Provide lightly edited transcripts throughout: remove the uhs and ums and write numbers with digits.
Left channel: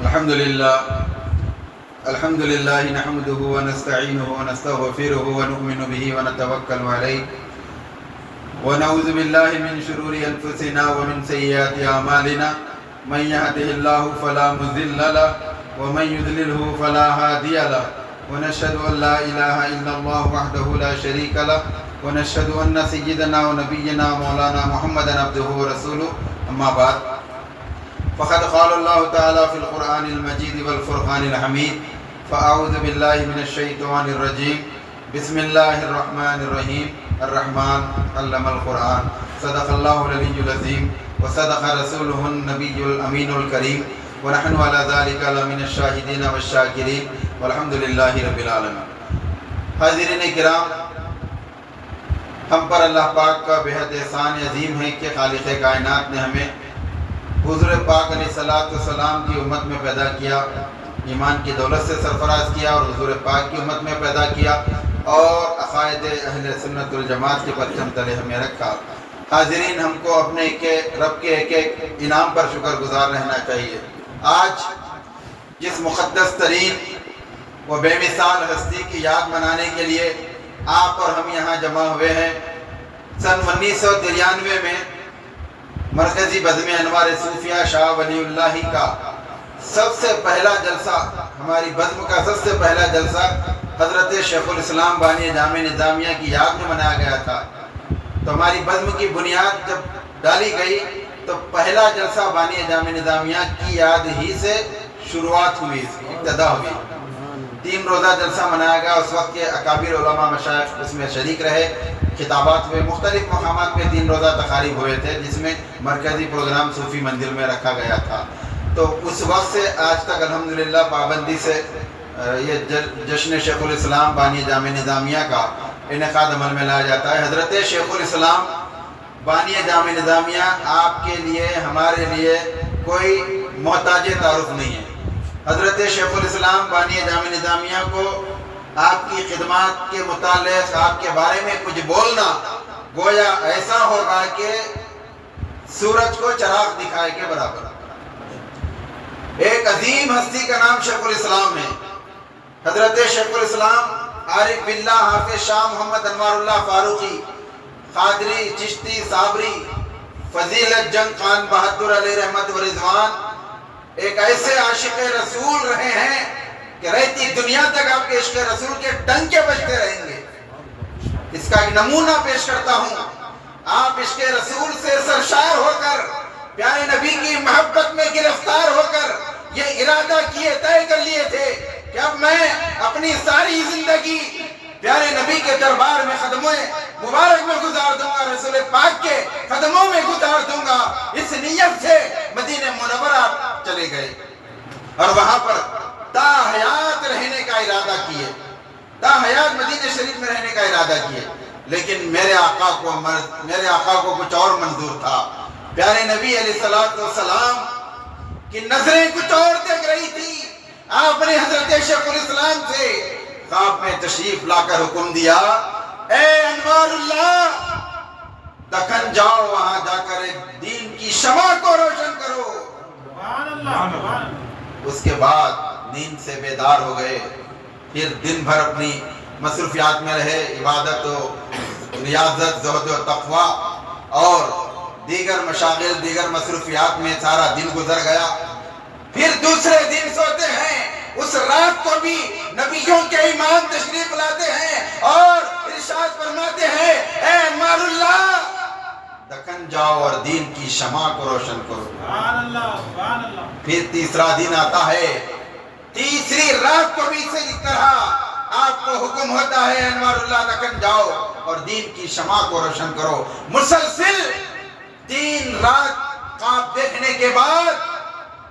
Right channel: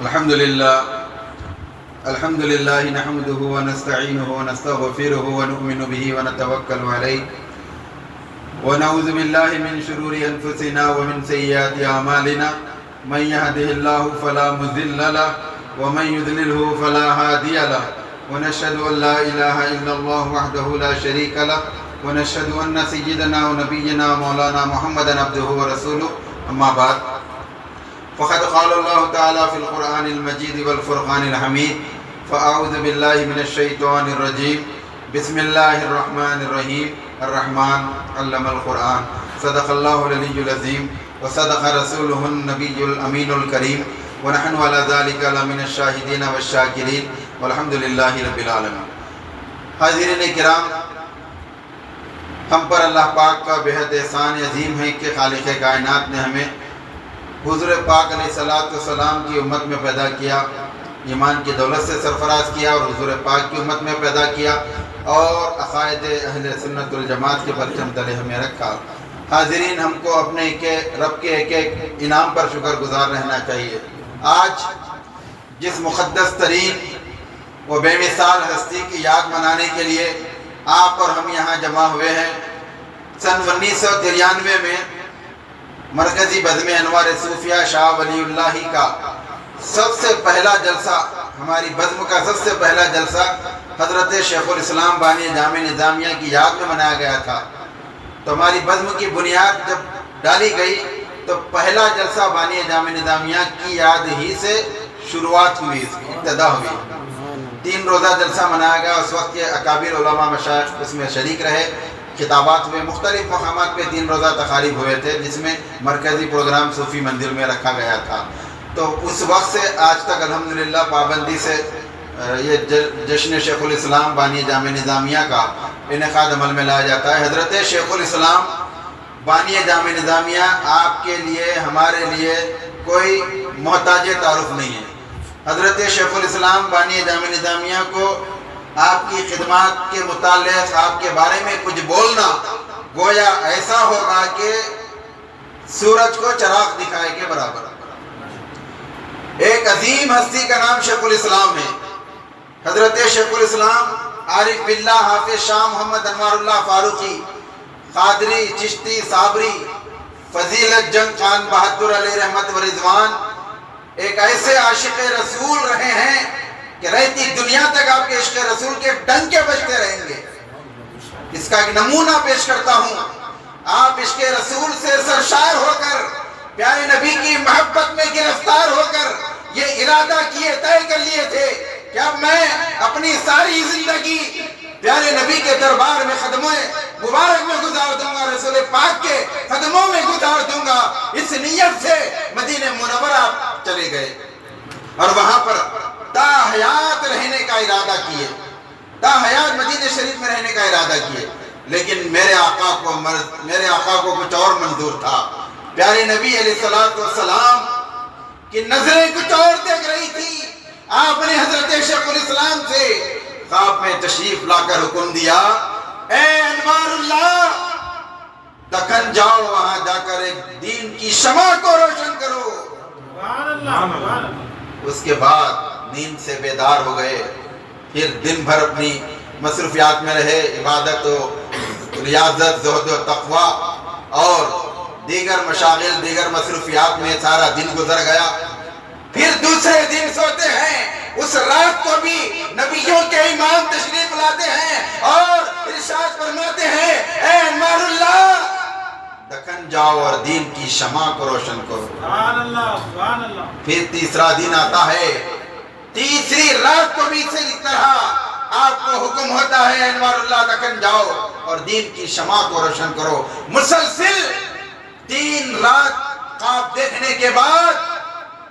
الحمد لله نحمده ونستعينه ونستغفره ونؤمن به ونتوكل عليه ونعوذ بالله من شرور أنفسنا ومن سيئات أعمالنا من يهده الله فلا مضل له ومن يضلله فلا هادي له ونشهد أن لا إله إلا الله وحده لا شريك له ونشهد أن سيدنا ونبينا مولانا محمدا عبده ورسوله أما بعد فقد قال الله تعالى في القرآن المجيد والفرقان الحميد فأعوذ بالله من الشيطان الرجيم بسم الله الرحمن الرحيم الرحمن علم القرآن صدق الله العلي العظيم وصدق رسوله النبي الأمين الكريم ونحن على ذلك لمن الشاهدين والشاكرين والحمد لله رب العالمين۔ حاضرین کرام، ہم پر اللہ پاک کا بہت احسان عظیم ہے کہ خالق کائنات نے ہمیں حضور پاک علیہ السلام کی امت میں پیدا کیا، ایمان کی دولت سے سرفراز کیا اور حضور پاک کی امت میں پیدا کیا اور عقائد اہل سنت الجماعت کے پرچم تلے ہمیں رکھا۔ حاضرین، ہم کو اپنے رب کے ایک ایک انعام پر شکر گزار رہنا چاہیے۔ آج جس مقدس ترین و بے مثال ہستی کی یاد منانے کے لیے آپ اور ہم یہاں جمع ہوئے ہیں، سن 1993 میں مرکزی بزم انوار صوفیہ شاہ ولی اللہ کا سب سے پہلا جلسہ، ہماری بزم کا سب سے پہلا جلسہ حضرت شیخ الاسلام بانی جامع نظامیہ کی یاد میں منایا گیا تھا۔ تو ہماری بزم کی بنیاد جب ڈالی گئی تو پہلا جلسہ بانی جامع نظامیہ کی یاد ہی سے شروعات ہوئی، ابتدا ہوئی۔ 3 روزہ جلسہ منایا گیا، اس وقت کے اکابر علماء مشائخ اس میں شریک رہے، خطابات ہوئے، مختلف مقامات پہ 3 روزہ تقاریب ہوئے تھے جس میں مرکزی پروگرام صوفی مندر میں رکھا گیا تھا۔ تو اس وقت سے آج تک الحمدللہ پابندی سے یہ جشن شیخ الاسلام بانی جامع نظامیہ کا انعقاد عمل میں لایا جاتا ہے۔ حضرت شیخ الاسلام بانی جامع نظامیہ آپ کے لیے، ہمارے لیے کوئی محتاج تعارف نہیں ہے۔ حضرت شیخ الاسلام بانی جامع نظامیہ کو آپ کی خدمات کے متعلق آپ کے بارے میں کچھ بولنا گویا ایسا ہوگا کہ سورج کو چراغ دکھائے کے برابر۔ ایک عظیم ہستی کا نام شیخ الاسلام ہے۔ حضرت شیخ الاسلام عارف باللہ حافظ شاہ محمد انوار اللہ فاروقی، قادری، چشتی، صابری، فضیلت جنگ خان بہادر علیہ رحمت و رضوان ایک ایسے عاشق رسول رہے ہیں کہ رہتی دنیا تک آپ کے عشق رسول کے ڈنکے بجتے رہیں گے۔ اس کا ایک نمونہ پیش کرتا ہوں۔ آپ عشق رسول سے سرشار ہو کر، پیارے نبی کی محبت میں گرفتار ہو کر یہ ارادہ طے کر لیے تھے کہ اب میں اپنی ساری زندگی پیارے نبی کے دربار میں قدموں مبارک میں گزار دوں گا، رسول پاک کے قدموں میں گزار دوں گا۔ اس نیت سے مدینہ منورہ چلے گئے اور وہاں پر تا حیات رہنے کا ارادہ کیے، تا حیات مدینہ شریف میں رہنے کا ارادہ کیے۔ لیکن میرے آقا کو کچھ اور منظور تھا۔ پیارے نبی علیہ السلام کی نظریں کچھ اور دیکھ رہی تھی۔ آپ نے حضرت شیخ الاسلام سے خواب میں تشریف لا کر حکم دیا، اے انوار اللہ، دکن جاؤ، وہاں جا کر ایک دین کی شمع کو روشن کرو۔ اس کے بعد نیند سے بیدار ہو گئے، پھر دن بھر اپنی مصروفیات میں رہے، عبادت و ریاضت، زہد و تقوی اور دیگر مشاغل، دیگر مصروفیات میں سارا دن گزر گیا۔ پھر دوسرے دن سوتے ہیں، اس رات کو بھی نبیوں کے امام تشریف لاتے ہیں اور ارشاد فرماتے ہیں، اے انوار اللہ، دکن جاؤ اور دین کی شمع کو روشن کرو۔ سبحان اللہ، سبحان اللہ۔ پھر تیسرا دن آتا ہے، تیسری رات کو بھی اسی طرح آپ کو حکم ہوتا ہے، انوار اللہ، دکن جاؤ اور دین کی شمع کو روشن کرو۔ مسلسل 3 رات خواب دیکھنے کے بعد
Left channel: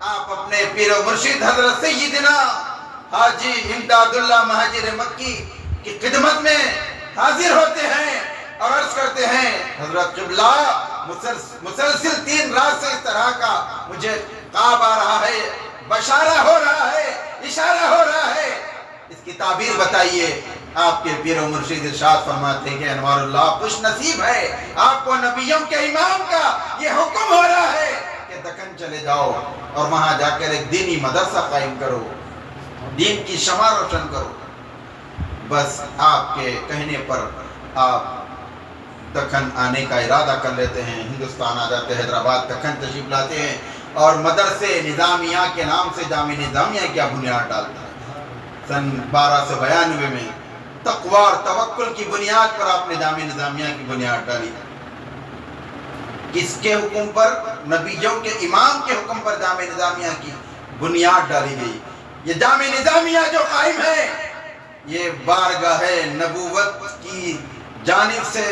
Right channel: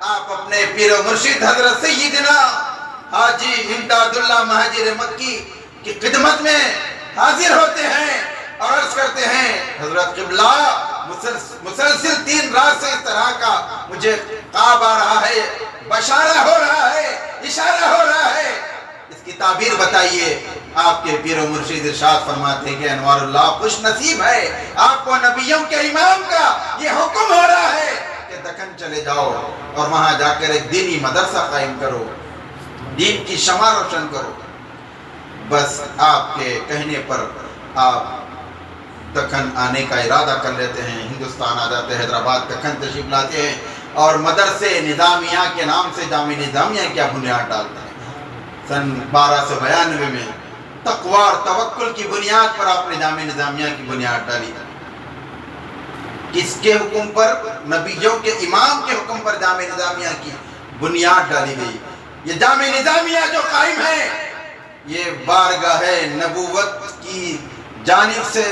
آپ اپنے پیر و مرشد حضرت سیدنا حاجی امداد اللہ مہاجر مکی کی خدمت میں حاضر ہوتے ہیں اور عرض کرتے ہیں، حضرت قبلہ، مسلسل 3 رات سے اس طرح کا مجھے خواب آ رہا ہے، بشارہ ہو رہا ہے، اشارہ ہو رہا ہے، اس کی تعبیر بتائیے۔ آپ کے پیر و مرشد ارشاد فرماتے ہیں کہ انوار اللہ، خوش نصیب ہے، آپ کو نبیوں کے امام کا یہ حکم ہو رہا ہے کہ دکن چلے جاؤ اور وہاں جا کر ایک دینی مدرسہ قائم کرو، دین کی شمع روشن کرو۔ بس آپ کے کہنے پر آپ دکن آنے کا ارادہ کر لیتے ہیں، ہندوستان آ جاتے ہیں، حیدرآباد دکن تشریف لاتے ہیں اور مدرسے نظامیہ کے نام سے جامعہ نظامیہ کیا بنیاد ڈالتے ہیں۔ سن 1292 میں تقوی اور توکل کی بنیاد پر آپ نے جامعہ نظامیہ کی بنیاد ڈالی۔ کس کے حکم پر؟ نبیوں کے امام کے حکم پر جامعہ نظامیہ کی بنیاد ڈالی گئی۔ یہ جامعہ نظامیہ جو قائم ہے یہ بارگاہ نبوت کی جانب سے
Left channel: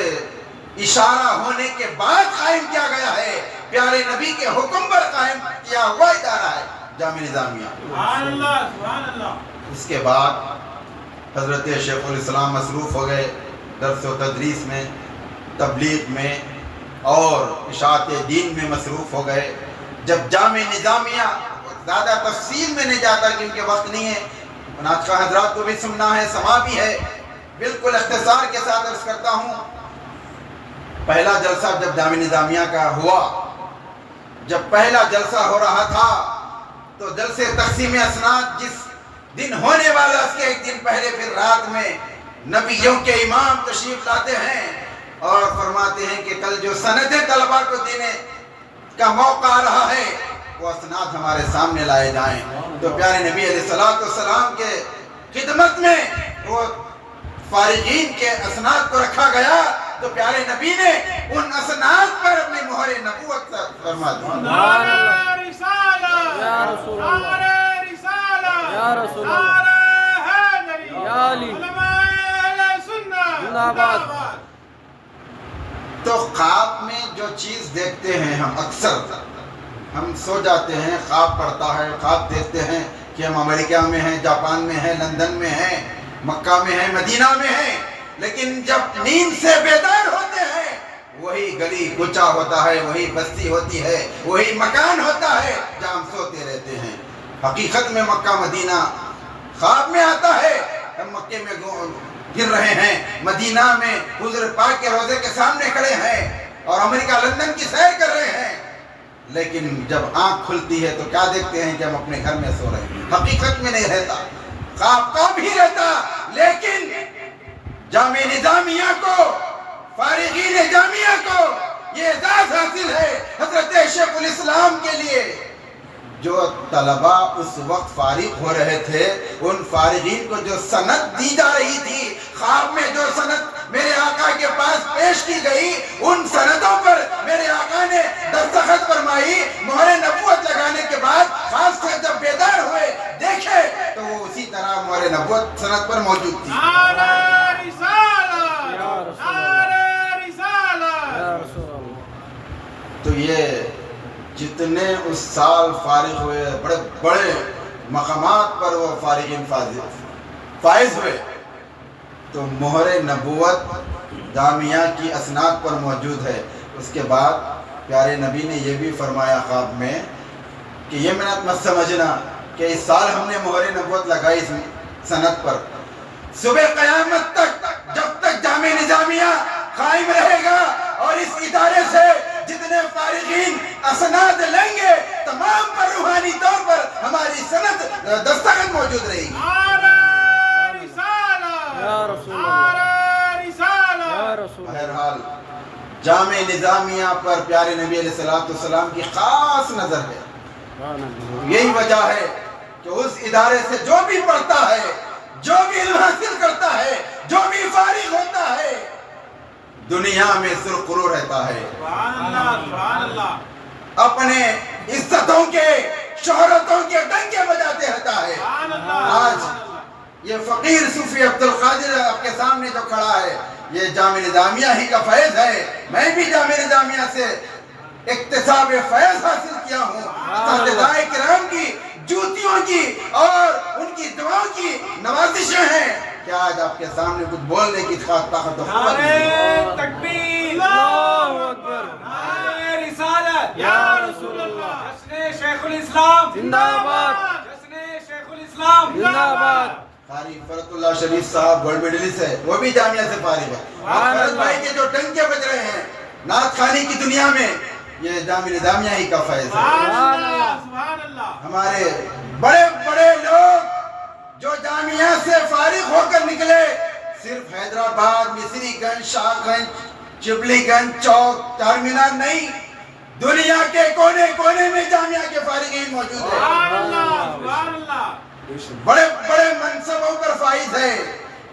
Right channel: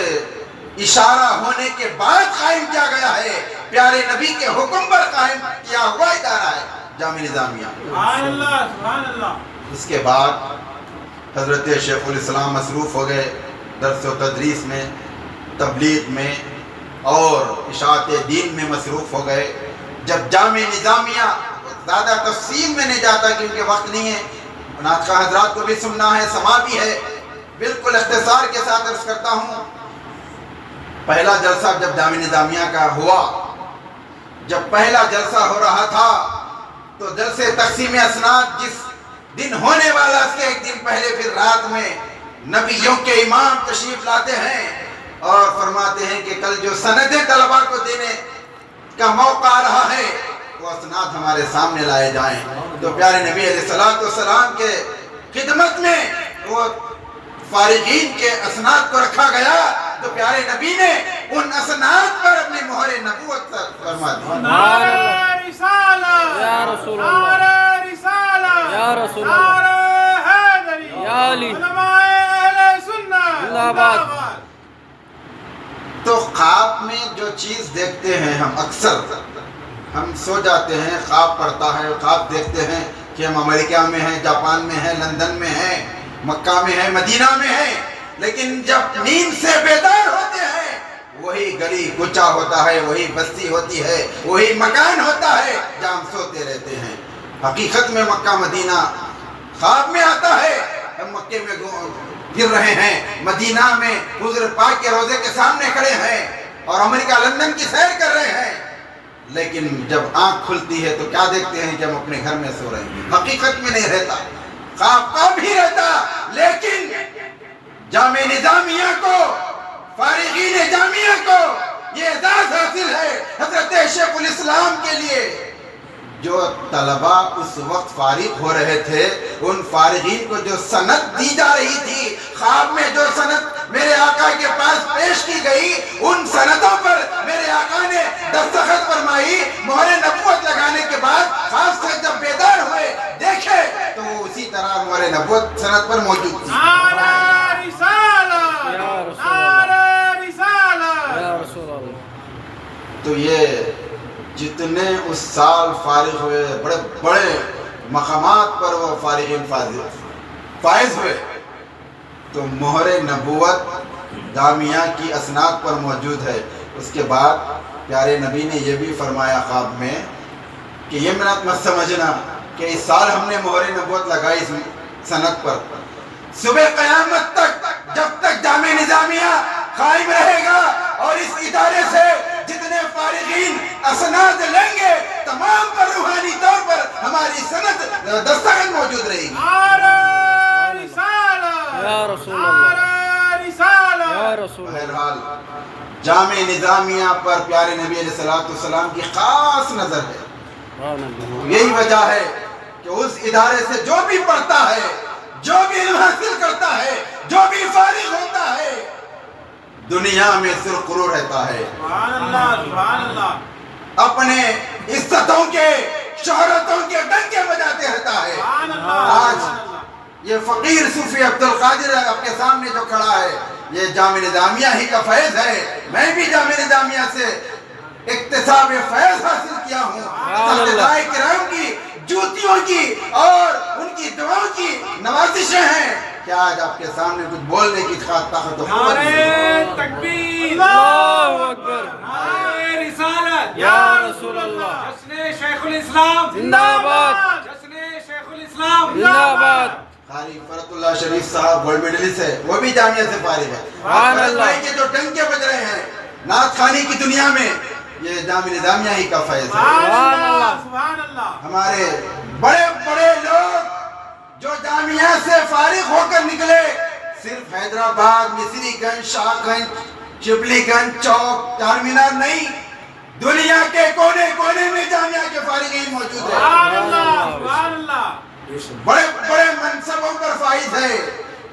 اشارہ ہونے کے بعد قائم کیا گیا ہے، پیارے نبی کے حکم پر قائم کیا ہوا ادارہ ہے جامعہ نظامیہ۔ سبحان اللہ، سبحان اللہ۔ اس کے بعد حضرت شیخ الاسلام مصروف ہو گئے درس و تدریس میں، تبلیغ میں اور اشاعت دین میں مصروف ہو گئے۔ جب جامعہ نظامیہ، زیادہ تفصیل میں نہیں جاتا کیونکہ وقت نہیں ہے، ناطقہ حضرات کو بھی سننا ہے، سما بھی ہے، بالکل اختصار کے ساتھ عرض کرتا ہوں۔ پہلا جلسہ جب جامعہ نظامیہ کا ہوا، جب پہلا جلسہ ہو رہا تھا تو جلسے تقسیم اسناد جس دن ہونے والا اس کے ایک دن پہلے پھر رات میں نبیوں کے امام تشریف لاتے ہیں اور فرماتے ہیں کہ کل جو سندیں طلباء کو دینے کا موقع آ رہا ہے وہ اسناد ہمارے سامنے لائے جائیں۔ تو پیارے نبی علیہ السلام کے خدمت میں وہ فارغین کے اسناد کو رکھا گیا تو پیارے نبی نے ان اسناد پر اپنی مہر نبوت فرما دی۔ نعرہ رسالہ یا رسول اللہ، نعرہ رسالہ یا رسول اللہ، نعرہ حیدری، یا علی، علماء اہل سنت زندہ آباد۔ تو خواب میں جو چیز دیکھتے ہیں ہم اکثر، ہم سو جاتے ہیں، خواب پڑتا ہے، خواب دیکھتے ہیں کہ ہم امریکہ میں ہیں، جاپان میں ہیں، لندن میں ہیں، مکہ میں ہیں، مدینہ میں ہیں، لیکن جب نیند سے بیدار ہوتے ہیں وہی گلی کوچہ ہوتا ہے، وہی بستی ہوتی ہے، وہی مکان ہوتا ہے جہاں ہم سوتے رہتے ہیں۔ حقیقت میں مکہ مدینہ خواب میں آتا ہے، ہم مکے میں گر رہے ہیں، مدینہ میں حضور پاک کے روضے کے سامنے کھڑے ہیں اور امریکہ لندن کی سیر کر رہے ہیں، لیکن جب آنکھ کھلتی ہے تو کیا دیکھتے ہیں کہ ہم اپنے گھر میں سو رہے ہیں۔ حقیقت میں نہیں رہتا، خواب کا بھی رہتا، لیکن جامعہ نظامیہ کو، فارغین جامعہ کو یہ اعزاز حاصل ہے حضرت شیخ الاسلام کے لیے۔ جو طلباء اس وقت فارغ ہو رہے تھے ان فارغین کو جو سند دی جا رہی تھی، خواب میں جو سند میرے آقا کے پاس پیش کی گئی، ان سندوں پر میرے آقا نے دستخط فرمائی، مہر نبوت لگانے کے بعد خاص سے جب بیدار ہوئے دیکھے تو وہ اسی طرح مہر نبوت سند پر موجود تھی۔ نعرہ رسالہ یا رسول اللہ، نعرہ رسالہ یا رسول اللہ۔ تو یہ جتنے اس سال فارغ ہوئے، بڑے بڑے مقامات پر وہ فارغین فائز ہوئے، تو مہر نبوت جامعہ کی اسناد پر موجود ہے۔ اس کے بعد پیارے نبی نے یہ بھی فرمایا خواب میں کہ یہ منت مت سمجھنا کہ اس سال ہم نے مہر نبوت لگائی اس سند پر، صبح قیامت تک جب تک جامعہ نظامیہ قائم رہے گا اور اس ادارے سے جتنے فارغین اسناد لیں گے تمام پر روحانی طور پر ہماری سند دستخط موجود رہے گی۔ نعرہ رسالہ یا رسول اللہ، نعرہ رسالہ یا رسول اللہ۔ بہرحال جامعہ نظامیہ پر پیارے نبی علیہ السلام کی خاص نظر ہے۔ سبحان اللہ۔ یہی وجہ ہے کہ اس ادارے سے جو بھی پڑھتا ہے، جو بھی علم حاصل کرتا ہے، جو بھی فارغ ہوتا ہے، دنیا میں سرخرو رہتا ہے، سبحان اللہ، سبحان اللہ، اپنے عزتوں کے، شہرتوں کے ڈنکے بجاتے رہتا ہے۔ سبحان اللہ، آج یہ فقیر صوفی عبدالقادر آپ کے سامنے جو کھڑا ہے یہ جامعہ نظامیہ ہی کا فیض ہے۔ میں بھی جامعہ نظامیہ سے اکتساب فیض حاصل کیا ہوں، اساتذہ کرام کی جوتیوں کی اور ان کی دعاؤں کی نوازشیں ہیں۔ کیا آج آپ کے سامنے کچھ بولنے کی طاقت و قوت نہیں؟ نعرہ تکبیر، اللہ اکبر، نعرہ رسالت، یا رسول اللہ، جشن شیخ الاسلام زندہ آباد، جشن شیخ الاسلام زندہ آباد۔ قاری فرت اللہ شریف صاحب گولڈ میڈلسٹ ہے، وہ بھی جامعہ سے فارغ ہے۔ سبحان اللہ۔ فرت بھائی کے جو ڈنکے بج رہے ہیں نعت خوانی کی دنیا میں، یہ جامعہ نظامیہ ہی کا فیض ہے۔ سبحان اللہ، سبحان اللہ۔ ہمارے بڑے بڑے لوگ جو جامعہ سے فارغ ہو کر نکلے صرف حیدرآباد، مصری گنج، شاہ گنج، چبلی گنج، چوک، چار مینار نہیں، دنیا کے کونے کونے میں جامعہ کے فارغین موجود ہیں۔ سبحان اللہ، سبحان اللہ۔ بڑے بڑے منصبوں پر فائز ہے،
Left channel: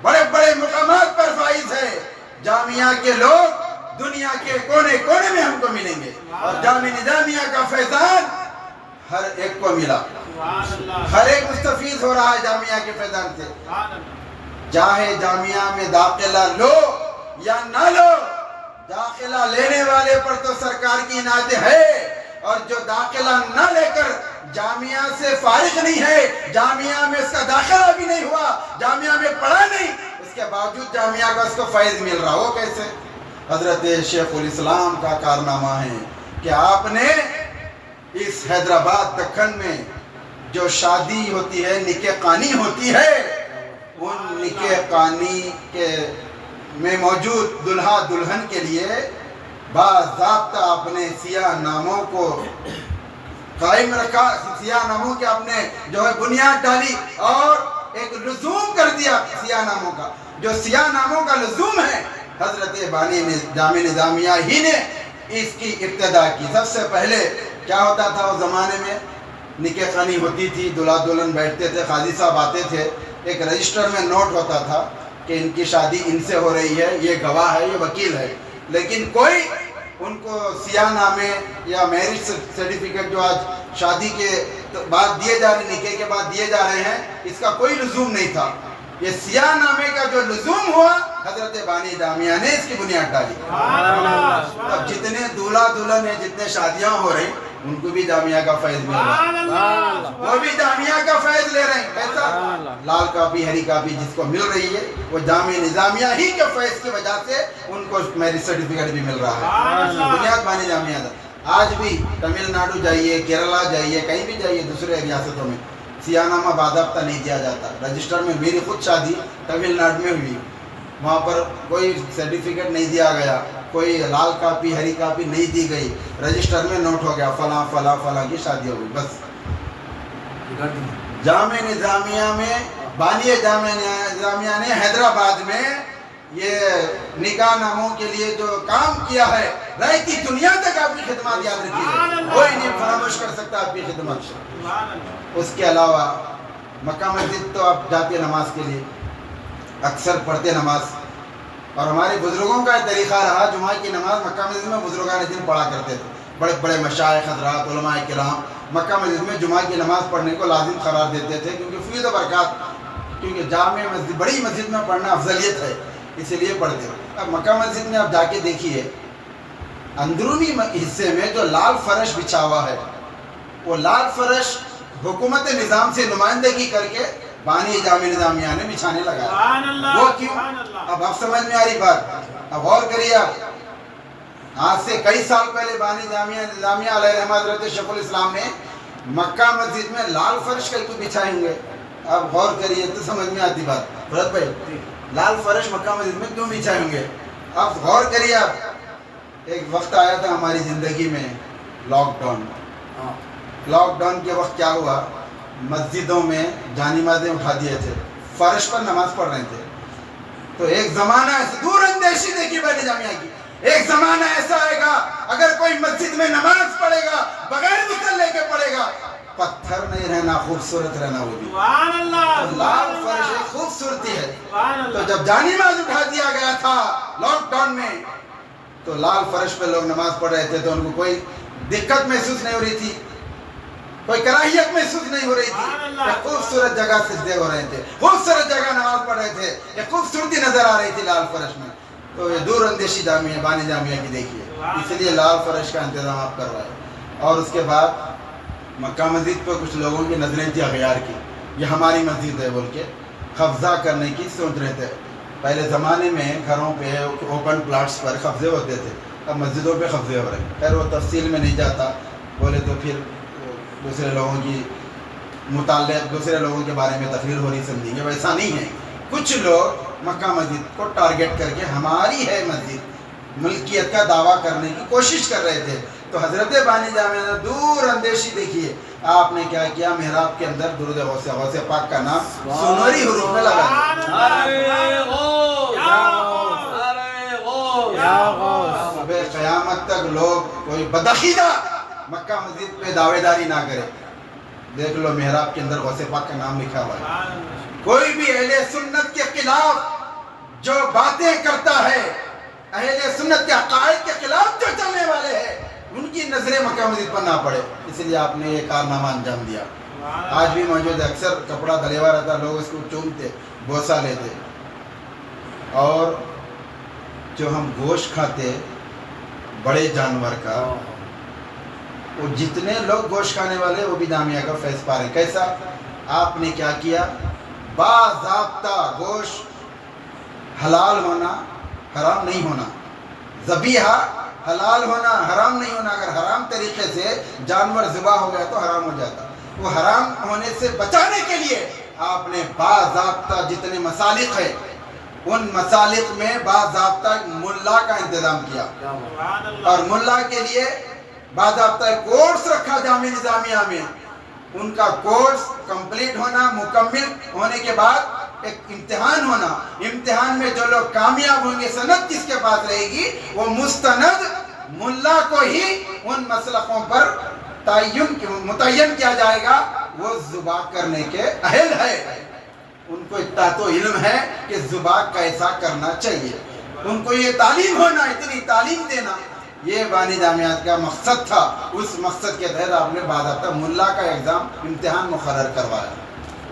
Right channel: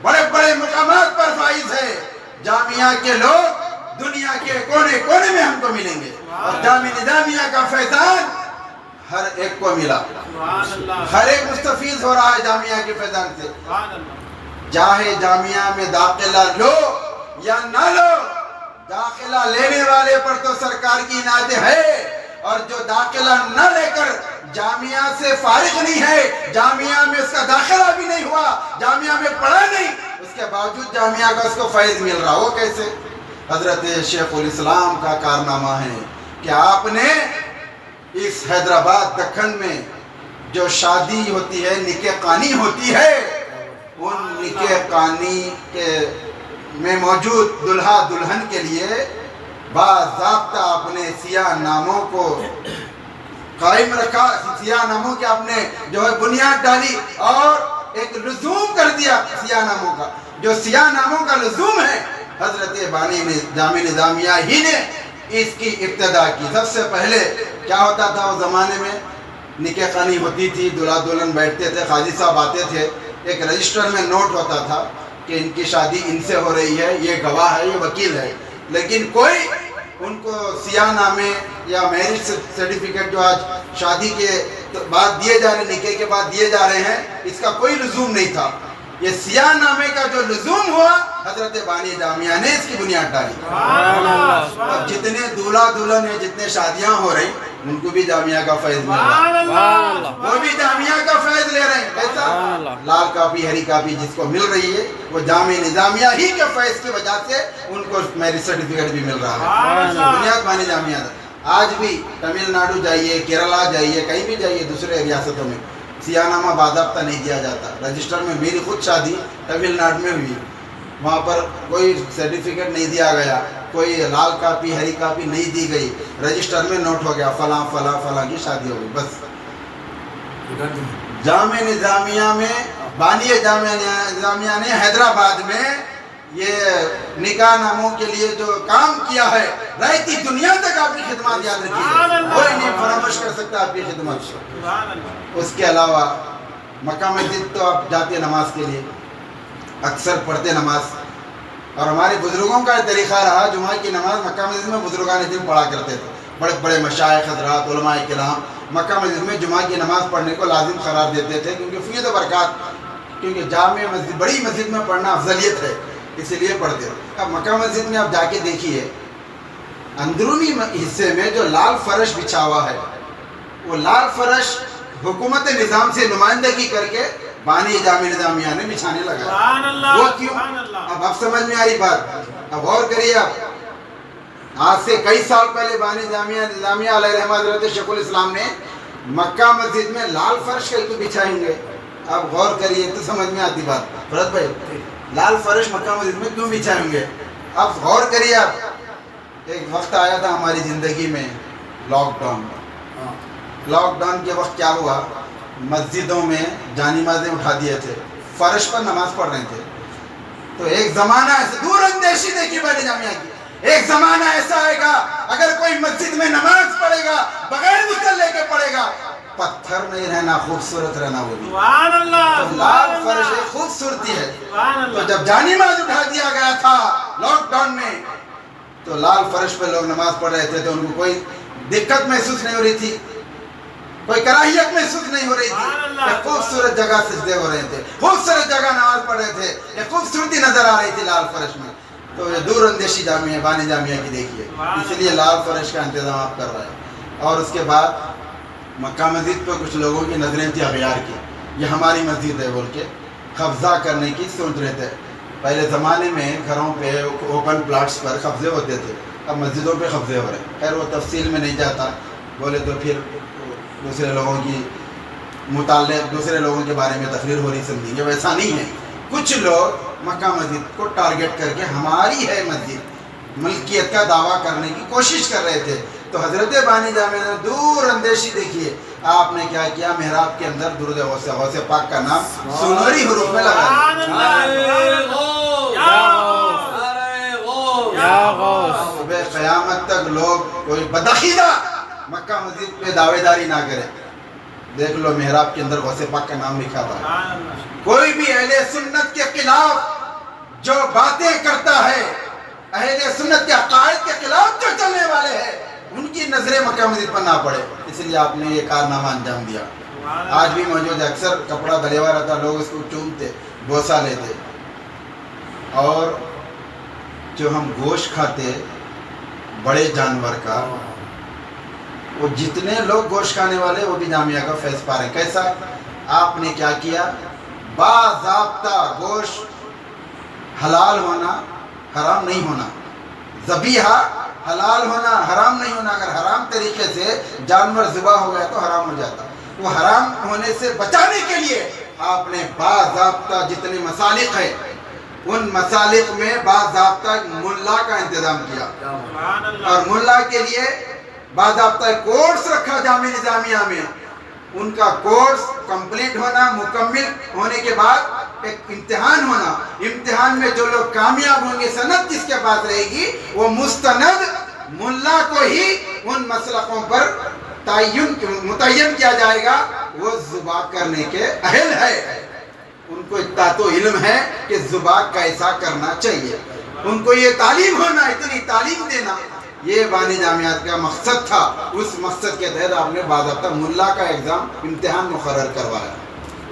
بڑے بڑے مقامات پر فائز ہے۔ جامعہ کے لوگ دنیا کے کونے کونے میں ہم کو ملیں گے، اور جامعہ نظامیہ کا فیضان ہر ایک کو ملا، سبحان اللہ، ہر ایک مستفیض ہو رہا ہے جامعہ کے فیضان سے۔ سبحان اللہ۔ چاہے جامعہ میں داخلہ لو یا نہ لو، داخلہ لینے والے پر تو سرکار کی عنایت ہے، اور جو داخلہ نہ لے کر جامعہ سے فارغ نہیں ہے، جامعہ میں اس کا داخلہ بھی نہیں ہوا، جامعہ میں پڑھا نہیں، اس کے باوجود جامعہ کا اس کو فیض مل رہا ہو کیسے؟ حضرت شیخ الاسلام کا کارنامہ ہے کہ آپ نے اس حیدرآباد دکن میں جو شادی ہوتی ہے، نکاح خوانی ہوتی ہے، ان نکاح خوانی کے میں موجود دلہا دلہن کے لیے باضابطہ آپ نے سیاہ ناموں کو قائم رکھا، سیاہ ناموں کے آپ نے جو ہے بنیاد ڈالی، اور ایک لزوم کر دیا سیاہ ناموں کا۔ جو سیاہ ناموں کا لزوم ہے، حضرت بانی جامعہ نظامیہ ہی نے اس کی ابتدا کی۔ سب سے پہلے کیا ہوتا تھا اس زمانے میں؟ نکاح خوانی ہوتی تھی، دلہا دلہن بیٹھتے تھے، قاضی صاحب آتے تھے، ایک رجسٹر میں نوٹ ہوتا تھا کہ ان کی شادی ان سے ہو رہی ہے، یہ گواہ ہے، یہ وکیل ہے، لیکن کوئی ان کو سیاہ نامے یا میرج سرٹیفکیٹ جو آج شادی کے بعد دیے جا رہے، نکاح کے بعد دیے جا رہے ہیں، اس کا کوئی لزوم نہیں تھا۔ یہ سیاہ نامے کا جو لزوم ہوا، حضرت بانی جامعہ نے اس کی بنیاد ڈالی۔ سبحان اللہ، اب جتنے دولہا دلہن ہیں، جتنے شادیاں ہو رہی، ان کو بھی جامعہ کا فیض مل رہا ہے، سبحان اللہ، وہ بھی جامعہ کا فیض لے رہے ہیں۔ سبحان ایسا اللہ۔ لال کاپی ہری کاپی جس کو مل رہی ہے، وہ جامعہ نظامیہ ہی کے فیض کی وجہ سے ان کو میرج سرٹیفکیٹ بھی مل رہا ہے۔ بنیاد بانی جامعہ تھا۔ آج بھی تمل ناڈو جائیے، کیرلا جائیے، کہیں بھی جائیے دوسرے ریاستوں میں سیاہ نامہ باضابطہ نہیں دیا جاتا۔ رجسٹر میں میری خود شادی تمل ناڈو میں ہوئی، وہاں پر کوئی سرٹیفکیٹ نہیں دیا گیا، کوئی لال کاپی ہری کاپی نہیں دی گئی، رجسٹر میں نوٹ ہو گیا فلاں فلاں فلاں کی شادی ہو گئی، بس۔ جامعہ نظامیہ میں بانی جامعہ نظامیہ نے حیدرآباد میں یہ نکاح ناموں کے لیے جو کام کیا ہے، رہتی دنیا تک آپ کی خدمات یاد رکھیے، کوئی نہیں فراموش کر سکتا آپ کی خدمت۔ اس کے علاوہ مکہ مسجد تو آپ جاتے نماز کے لیے، اکثر پڑھتے نماز، اور ہمارے بزرگوں کا طریقہ رہا، جمعہ کی نماز مکہ مسجد میں بزرگان دین پڑھا کرتے تھے۔ بڑے بڑے مشائخ حضرات، علماء کرام مکہ مسجد میں جمعہ کی نماز پڑھنے کو لازم قرار دیتے تھے، کیونکہ فیض و برکات، کیونکہ جامع مسجد بڑی مسجد میں پڑھنا افضلیت ہے، اسی لیے پڑھتے ہیں۔ اب مکہ مسجد میں آپ جا کے دیکھیے، اندرونی حصے میں جو لال فرش بچھا ہوا ہے، وہ لال فرش حکومت نظام سے نمائندگی کر کے بانی جامعہ نظامیہ نے بچھانے لگا ہے۔ وہ کیوں؟ اب آپ سمجھ میں آ رہی بات، اب غور کریے آپ۔ آج سے کئی سال پہلے بانی جامعہ نظامیہ علیہ رحمہ حضرت شیخ الاسلام نے مکہ مسجد میں لال فرش کہیں تو بچھائے ہوں گے۔ اب غور کریے تو سمجھ میں آتی بات۔ فرد بھائی، لال فرش مکہ مسجد میں کیوں بچھائے ہوں گے؟ اب غور کریے آپ۔ ایک وقت آیا تھا ہماری زندگی میں، لاک ڈاؤن۔ لاک ڈاؤن کے وقت کیا ہوا، مسجدوں میں جانمازیں اٹھا دیے تھے، فرش پر نماز پڑھ رہے تھے۔ تو ایک زمانہ دور اندیشی دیکھی بانی جامعہ کی، ایک زمانہ ایسا آئے گا اگر کوئی مسجد میں نماز پڑھے گا بغیر مسلح کے پڑھے گا، پتھر نہیں رہنا، خوبصورت رہنا وہ بھی۔ تو لال فرش ایک خوبصورتی ہے۔ تو جب جانماز اٹھا دیا گیا تھا لاک ڈاؤن میں، تو لال فرش پہ لوگ نماز پڑھ رہے تھے، تو ان کو کوئی دقت محسوس نہیں ہو رہی تھی، کوئی کراہیت محسوس نہیں ہو رہی تھی۔ ایک خوبصورت جگہ سجدے ہو رہے تھے، خوبصورت جگہ نماز پڑھ رہے تھے، ایک خوبصورتی نظر آ رہی تھی لال فرش میں۔ تو یہ دور اندیشی جامعہ بانی جامعہ کی دیکھیے، اس لیے لال فرش کا انتظام آپ کر رہے ہیں۔ اور اس کے بعد مکہ مسجد پہ کچھ لوگوں کی نظریں تھی اغیار کی، یہ ہماری مسجد ہے بول کے قبضہ کرنے کی سوچ رہے تھے۔ پہلے زمانے میں گھروں پہ اوپن پلاٹس پر قبضے ہوتے تھے، اب مسجدوں پہ قبضے ہو رہے ہیں۔ خیر وہ تفصیل میں نہیں جاتا، بولے تو پھر دوسرے لوگوں کی متعلق دوسرے لوگوں کے بارے میں تقریر ہو رہی سمجھیں گے، ویسا نہیں ہے۔ کچھ لوگ مکہ مسجد کو ٹارگٹ کر کے ہماری ہے مسجد، ملکیت کا دعویٰ کرنے کی کوشش کر رہے تھے، تو حضرت بانی جامعہ نے دور اندیشی دیکھیے آپ نے کیا کیا، محراب کے اندر درود غوث پاک کا نام سنوری حروف میں لگا دیا۔ صبح قیامت تک لوگ کوئی بدعقیدہ مکہ مسجد پہ دعوے داری نہ کرے، دیکھ لو محراب کے اندر غوث پاک کا نام لکھا ہوا ہے۔ کوئی بھی اہل سنت کے خلاف جو باتیں کرتا ہے، اہل سنت کے عقائد کے خلاف جو چلنے والے ہیں، ان کی نظریں مکہ مسجد پر نہ پڑے، اس لیے آپ نے یہ کارنامہ انجام دیا۔ آج بھی موجود ہے، اکثر کپڑا دھلے ہوا رہتا، لوگ اس کو چومتے، بوسہ لیتے۔ اور جو ہم گوشت کھاتے بڑے جانور کا، وہ جتنے لوگ گوشت کھانے والے وہ بھی جامعہ کا فیض پا رہے ہیں۔ کیسا؟ آپ نے کیا کیا، باضابطہ گوشت حلال ہونا حرام نہیں ہونا، ذبیحہ حلال ہونا حرام نہیں ہونا۔ اگر حرام طریقے سے جانور ذبح ہو گیا تو حرام ہو جاتا، وہ حرام ہونے سے بچانے کے لیے آپ نے باضابطہ جتنے مسالک ہیں ان مسالک میں باضابطہ ملا کا انتظام کیا، اور ملا کے لیے باضابطہ کورس رکھا جامعہ نظامیہ میں۔ ان کا کورس کمپلیٹ ہونا، مکمل ہونے کے بعد ایک امتحان ہونا، امتحان میں جو لوگ کامیاب ہوں گے، سند کس کے پاس رہے گی، وہ مستند ملا کو ہی ان مسلکوں پر متعین کیا جائے گا، وہ ذبح کرنے کے اہل ہے، ان کو اتنا تو علم ہے کہ ذبح کیسا کرنا چاہیے، ان کو یہ تعلیم ہونا، اتنی تعلیم دینا، یہ بانی جامعات کا مقصد تھا۔ اس مقصد کے تحت آپ نے باضابطہ ملا کا ایگزام امتحان مقرر کروایا۔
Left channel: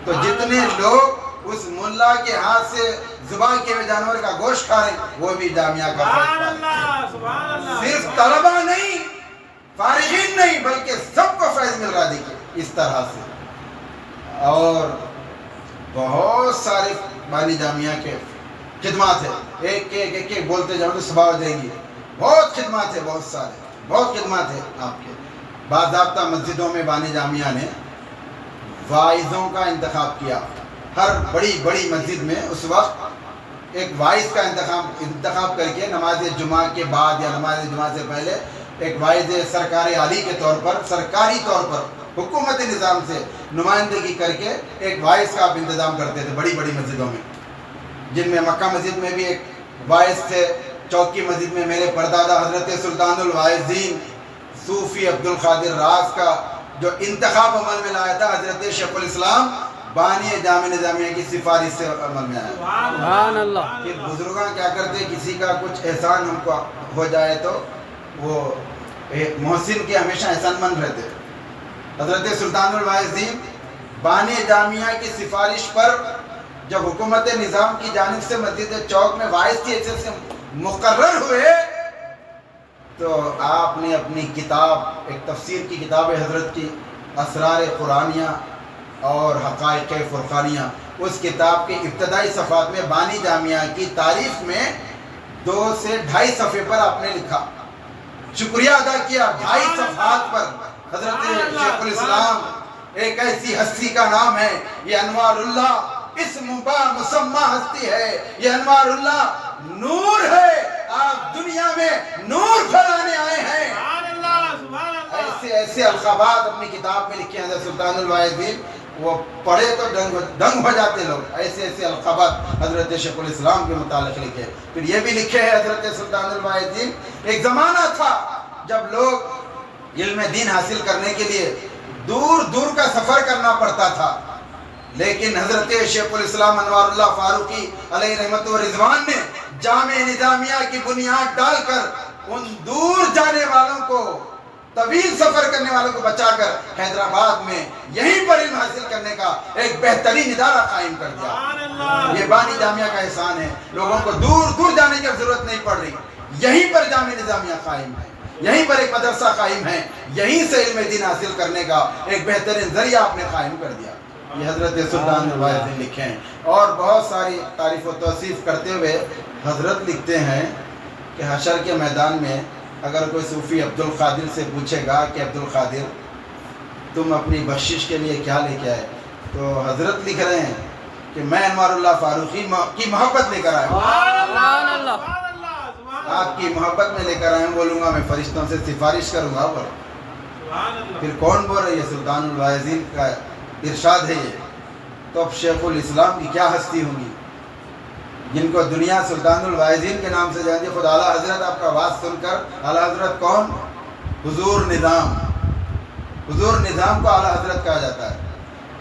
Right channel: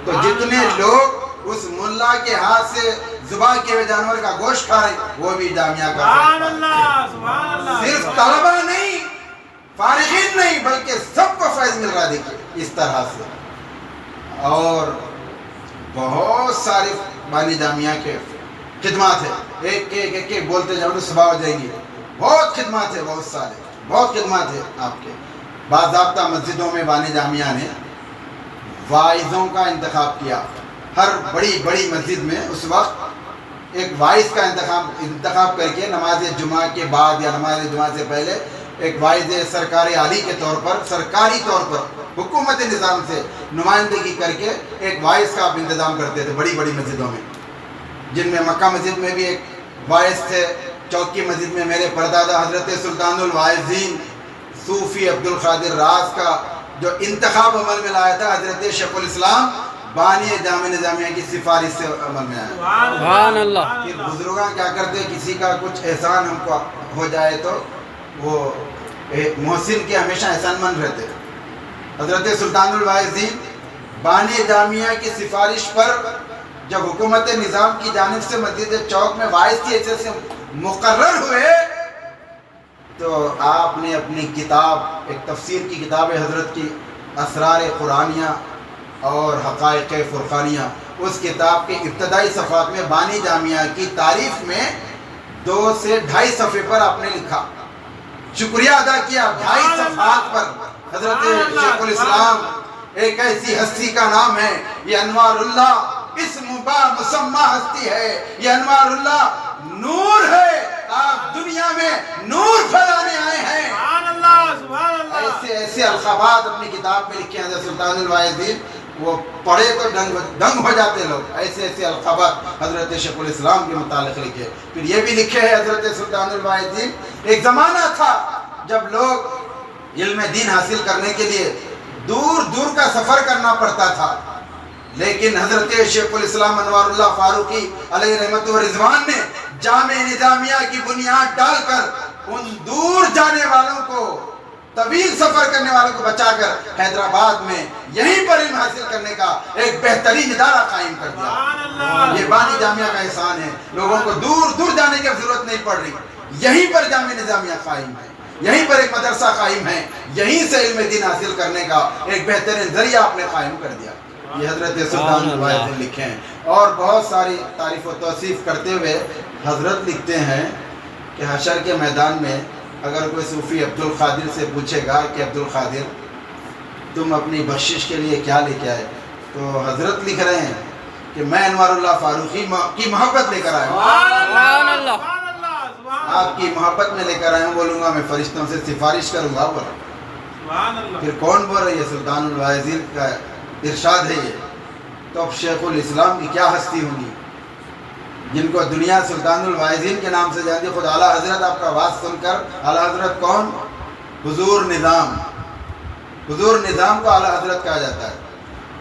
تو جتنے لوگ اس ملا کے ہاتھ سے ذبح کیے ہوئے جانور کا گوشت کھا رہے ہیں، وہ بھی جامعہ کا صرف طلبہ نہیں، فارغین نہیں، بلکہ سب کو فیض مل رہا ہے۔ دیکھیے اس طرح سے، اور بہت ساری بانی جامعہ کے خدمات ہیں، ایک بولتے جاؤں تو صبح ہو جائیں گی۔ بہت خدمات ہیں، بہت خدمات ہیں آپ کے۔ باضابطہ مسجدوں میں بانی جامعہ نے واعظوں کا انتخاب کیا۔ ہر بڑی بڑی مسجد میں اس وقت ایک واعظ کا انتخاب کر کے نماز جمعہ کے بعد یا نماز جمعہ سے پہلے ایک واعظ سرکار عالی کے طور پر، سرکاری طور پر حکومت نظام سے نمائندگی کر کے ایک واعظ کا آپ انتظام کرتے تھے بڑی بڑی مسجدوں میں، جن میں مکہ مسجد میں بھی ایک واعظ تھے، چوکی مسجد میں میرے پردادا حضرت سلطان الواعظین صوفی عبدالقادر راز کا جو انتخاب عمل میں لایا تھا، حضرت شیخ الاسلام بانی جامعہ نظامیہ کی سفارش سے عمل میں آیا۔ سبحان اللہ۔ پھر بزرگاں کیا کرتے، کسی کا کچھ احسان ہم کو ہو جائے تو وہ محسن کے ہمیشہ احسان مند رہتے۔ حضرت سلطان الواعظین بانی جامعہ کی سفارش پر جب حکومت نظام کی جانب سے مسجد چوک میں واعظ کی حیثیت سے مقرر ہوئے، تو آپ نے اپنی کتاب، ایک تفسیر کی کتاب ہے حضرت کی، اسرار قرآنیہ اور حقائق فرقانیہ، اس کتاب کے ابتدائی صفحات میں بانی جامعہ کی تعریف میں 2 سے 2.5 صفحے پر آپ نے لکھا، شکریہ ادا کیا 2.5 صفحات پر۔ حضرت شیخ الاسلام ایک ایسی ہستی کا نام ہے، یہ انوار اللہ اسم با مسمى ہستی ہے، یہ انوار اللہ نور ہے، آپ دنیا میں نور پھیلانے آئے ہیں۔ ایسے ایسے القابات اپنی کتاب میں لکھے ہیں حضرت سلطان الواعظین، وہ پڑھے تو دنگ ہو جاتے لوگ، ایسے ایسے القابات حضرت شیخ الاسلام کے متعلق لکھے۔ پھر یہ بھی لکھے ہیں حضرت سلطان الواعظین، ایک زمانہ تھا جب لوگ علم دین حاصل کرنے کے لیے دور دور کا سفر کرنا پڑتا تھا، لیکن حضرت شیخ الاسلام انوار اللہ فاروقی علیہ رحمت و رضوان نے جامعہ نظامیہ کی بنیاد ڈال کر ان دور جانے والوں کو، طویل سفر کرنے والوں کو بچا کر حیدرآباد میں یہیں پر علم حاصل کرنے کا ایک بہترین ادارہ قائم کر دیا۔ یہ بانی جامعہ کا احسان ہے، لوگوں کو دور دور جانے کی ضرورت نہیں پڑ رہی، یہیں پر جامعہ نظامیہ قائم ہے، یہیں پر ایک مدرسہ قائم ہے، یہیں سے علم دین حاصل کرنے کا ایک بہترین ذریعہ آپ نے قائم کر دیا۔ یہ حضرت سلطان الواعظین لکھے ہیں، اور بہت ساری تعریف و توصیف کرتے ہوئے حضرت لکھتے ہیں کہ حشر کے میدان میں اگر کوئی صوفی عبدالقادر سے پوچھے گا کہ عبدالقادر تم اپنی بخشش کے لیے کیا لے کے آئے، تو حضرت لکھ رہے ہیں کہ میں انوار اللہ فاروقی کی محبت لے کر آیا ہوں۔ سبحان اللہ۔ آپ کی محبت میں لے کر آیا ہوں. بولوں گا میں فرشتوں سے سفارش کروں گا. بولا سبحان اللہ. پھر کون بول رہا ہے؟ یہ سلطان الواعظین کا ارشاد ہے. یہ تو اب شیخ الاسلام کی کیا ہستی ہوگی جن کو دنیا سلطان الواعظین کے نام سے جانتی ہے. خود اعلیٰ حضرت آپ کا آواز سن کر، اعلیٰ حضرت کون؟ حضور نظام. حضور نظام کو اعلیٰ حضرت کہا جاتا ہے.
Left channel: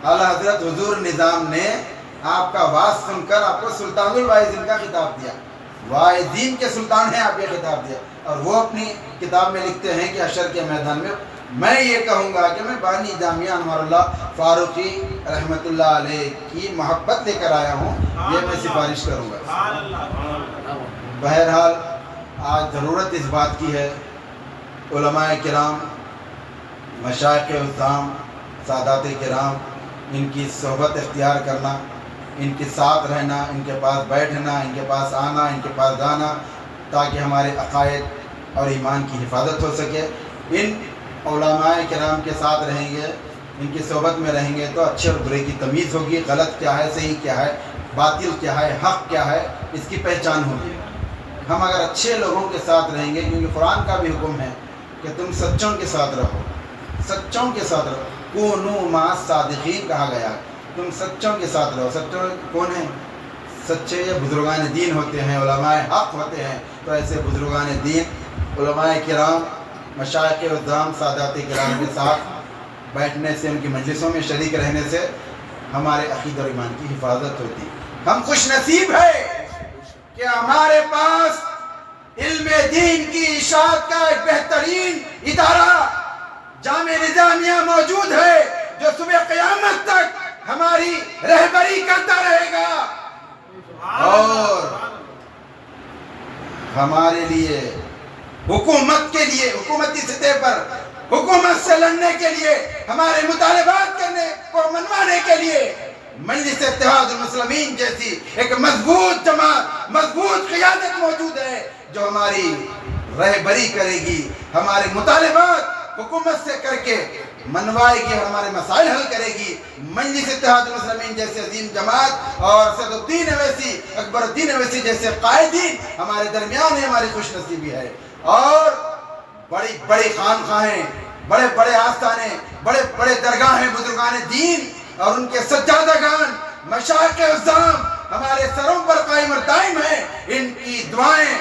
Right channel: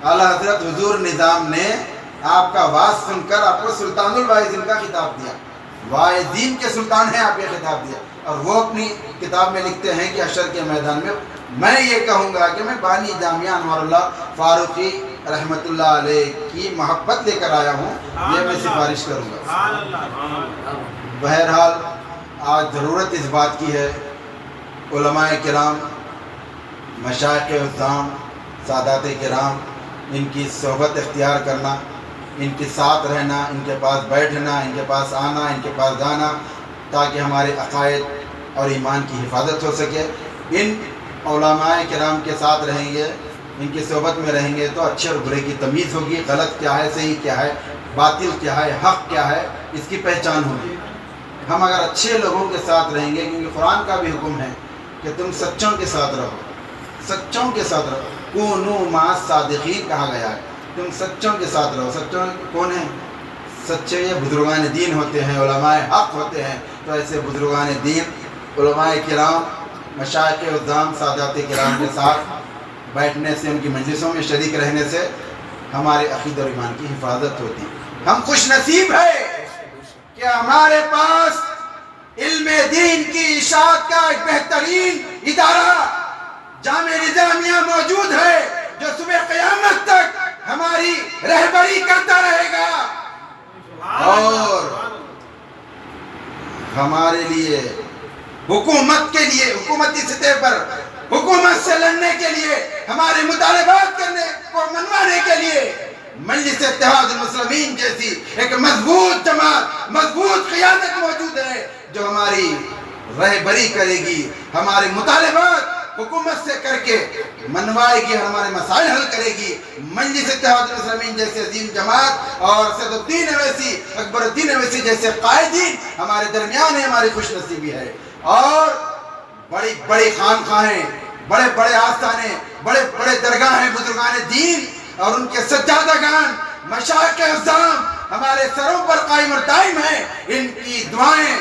اعلیٰ حضرت حضور نظام نے آپ کا آواز سن کر آپ کو سلطان الواعظین کا خطاب دیا. واعظین کے سلطان ہیں، آپ یہ خطاب دیا. اور وہ اپنی کتاب میں لکھتے ہیں کہ حشر کے میدان میں یہ کہوں گا کہ میں بانی جامعہ انوار اللہ فاروقی رحمۃ اللہ علیہ کی محبت لے کر آیا ہوں. یہ میں سفارش کروں گا. سبحان اللہ. بہرحال آج ضرورت اس بات کی ہے، علماء کرام، مشائخ عظام، سادات کرام، ان کی صحبت اختیار کرنا، ان کے ساتھ رہنا، ان کے پاس بیٹھنا، ان کے پاس آنا، ان کے پاس جانا، تاکہ ہمارے عقائد اور ایمان کی حفاظت ہو سکے. ان علماء کرام کے ساتھ رہیں گے، ان کی صحبت میں رہیں گے تو اچھے اور برے کی تمیز ہوگی. غلط کیا ہے، صحیح کیا ہے، باطل کیا ہے، حق کیا ہے، اس کی پہچان ہوگی. ہم اگر اچھے لوگوں کے ساتھ رہیں گے، کیونکہ قرآن کا بھی حکم ہے کہ تم سچوں کے ساتھ رہو، سچوں کے ساتھ رہو. کونوا مع الصادقین کہا گیا ہے. تم سچوں کے ساتھ رہو. سچوں کون ہیں؟ سچے یہ بزرگان دین ہوتے ہیں، علماء حق ہوتے ہیں. تو ایسے بزرگان دین، علماء کرام، مشائخ عظام، سادات کرام کے ساتھ بیٹھنے سے، ان کی مجلسوں میں شریک رہنے سے ہمارے عقیدہ اور ایمان کی حفاظت ہوتی. ہم خوش نصیب ہے کہ ہمارے پاس علم دین کی اشاعت کا ایک بہترین ادارہ جامعہ نظامیہ موجود ہے، جو صبح قیامت تک ہماری رہبری کرتا رہے گا اور ہمارے لیے حکومت کے لیے، حکومتی سطح پر حکومت سے لڑنے کے لیے، ہمارے مطالبات کرنے کو منوانے کے لیے مجلس اتحاد المسلمین جیسی ایک مضبوط جماعت، مضبوط قیادت موجود ہے، جو ہماری رہبری کرے گی، ہمارے مطالبات حکومت سے کر کے منوائے گی، ہمارے مسائل حل کرے گی. مجلس اتحاد المسلمین جیسے عظیم جماعت اور سید الدین اویسی، اکبر الدین اویسی جیسے قائدین ہمارے درمیان ہے. ہماری خوش نصیبی ہے. اور بڑی بڑی خانقاہیں، بڑے بڑے آستانے، بڑے بڑے درگاہیں بزرگان دین اور ان کے سجادگان، مشائخ عظام ہمارے سروں پر قائم اور دائم ہیں. ان کی دعائیں،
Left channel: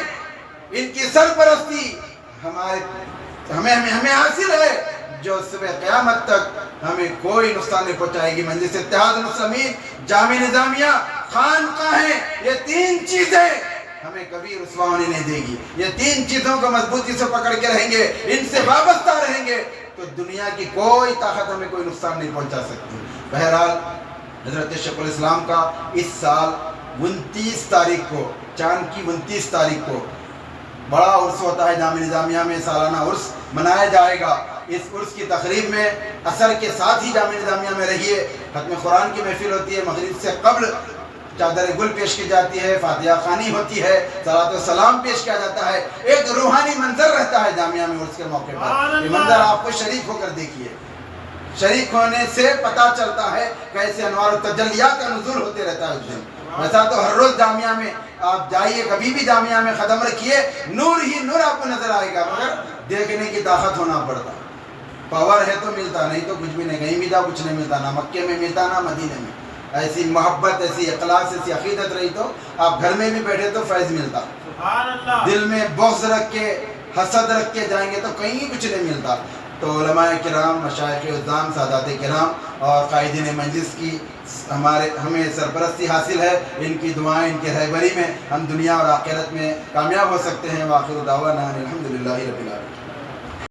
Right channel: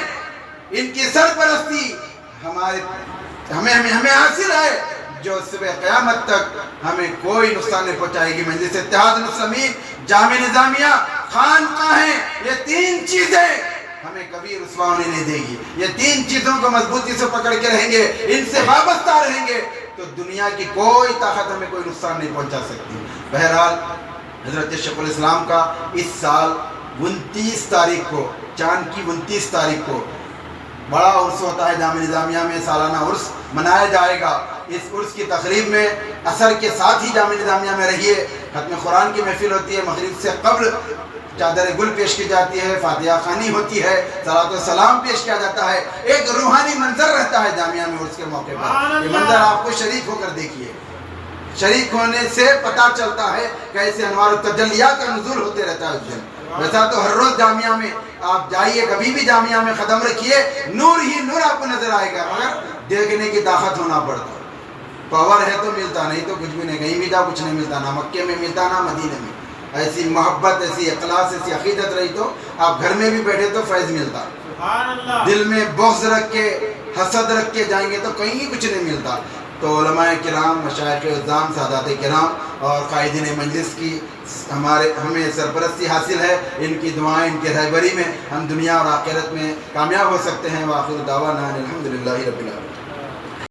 ان کی سرپرستی ہمیں حاصل ہے، جو صبح قیامت تک ہمیں کوئی نقصان نہیں پہنچائے گی. مجلس اتحاد المسلمین، جامعہ نظامیہ، خانقاہیں، یہ تین چیزیں ہمیں کبھی رسوا ہونے نہیں دے گی. یہ تین چیزوں کو مضبوطی سے پکڑ کے رہیں گے، ان سے وابستہ رہیں گے تو دنیا کی کوئی طاقت ہمیں کوئی نقصان نہیں پہنچا سکتی. بہرحال حضرت شیخ الاسلام کا اس سال 29 تاریخ کو، چاند کی 29 تاریخ کو بڑا عرس ہوتا ہے. جامعہ نظامیہ میں سالانہ عرس منایا جائے گا. اس عرس کی تقریب میں عصر کے ساتھ ہی جامعہ نظامیہ میں رہیے. ختم قرآن کی محفل ہوتی ہے. مغرب سے قبل چادر گل پیش کی جاتی ہے، فاتحہ خوانی ہوتی ہے، صلاۃ و سلام پیش کیا جاتا ہے. ایک روحانی منظر رہتا ہے جامعہ میں عرس کے موقع پر. یہ منظر آپ کو شریک ہو کر دیکھیے. شریک ہونے سے پتہ چلتا ہے کیسے انوار التجلیات کا نزول ہوتے رہتا ہے اس دن. ویسا تو ہر روز جامعہ میں آپ جائیے، کبھی بھی جامعہ میں قدم رکھیے، نور ہی نور آپ کو نظر آئے گا، مگر دیکھنے کی طاقت ہونا پڑتا. پاور ہے تو ملتا، نہیں تو کچھ بھی نہیں. کہیں بھی جاؤ کچھ نہیں ملتا، نہ مکے میں ملتا نہ مدینے میں. ایسی محبت، ایسی اخلاص، ایسی عقیدت رہی تو آپ گھر میں بھی بیٹھے تو فیض ملتا. دل میں بغض رکھ کے، حسد رکھ کے جائیں گے تو کہیں کچھ نہیں ملتا. تو علماء کرام، مشائخ عظام، سادات کرام اور قائدین مجلس کی ہمیں سرپرستی حاصل ہے. ان کی دعائیں، ان کی رہبری میں ہم دنیا اور آخرت میں کامیاب ہو سکتے ہیں. وآخر دعوانا الحمدللہ رب العالمین.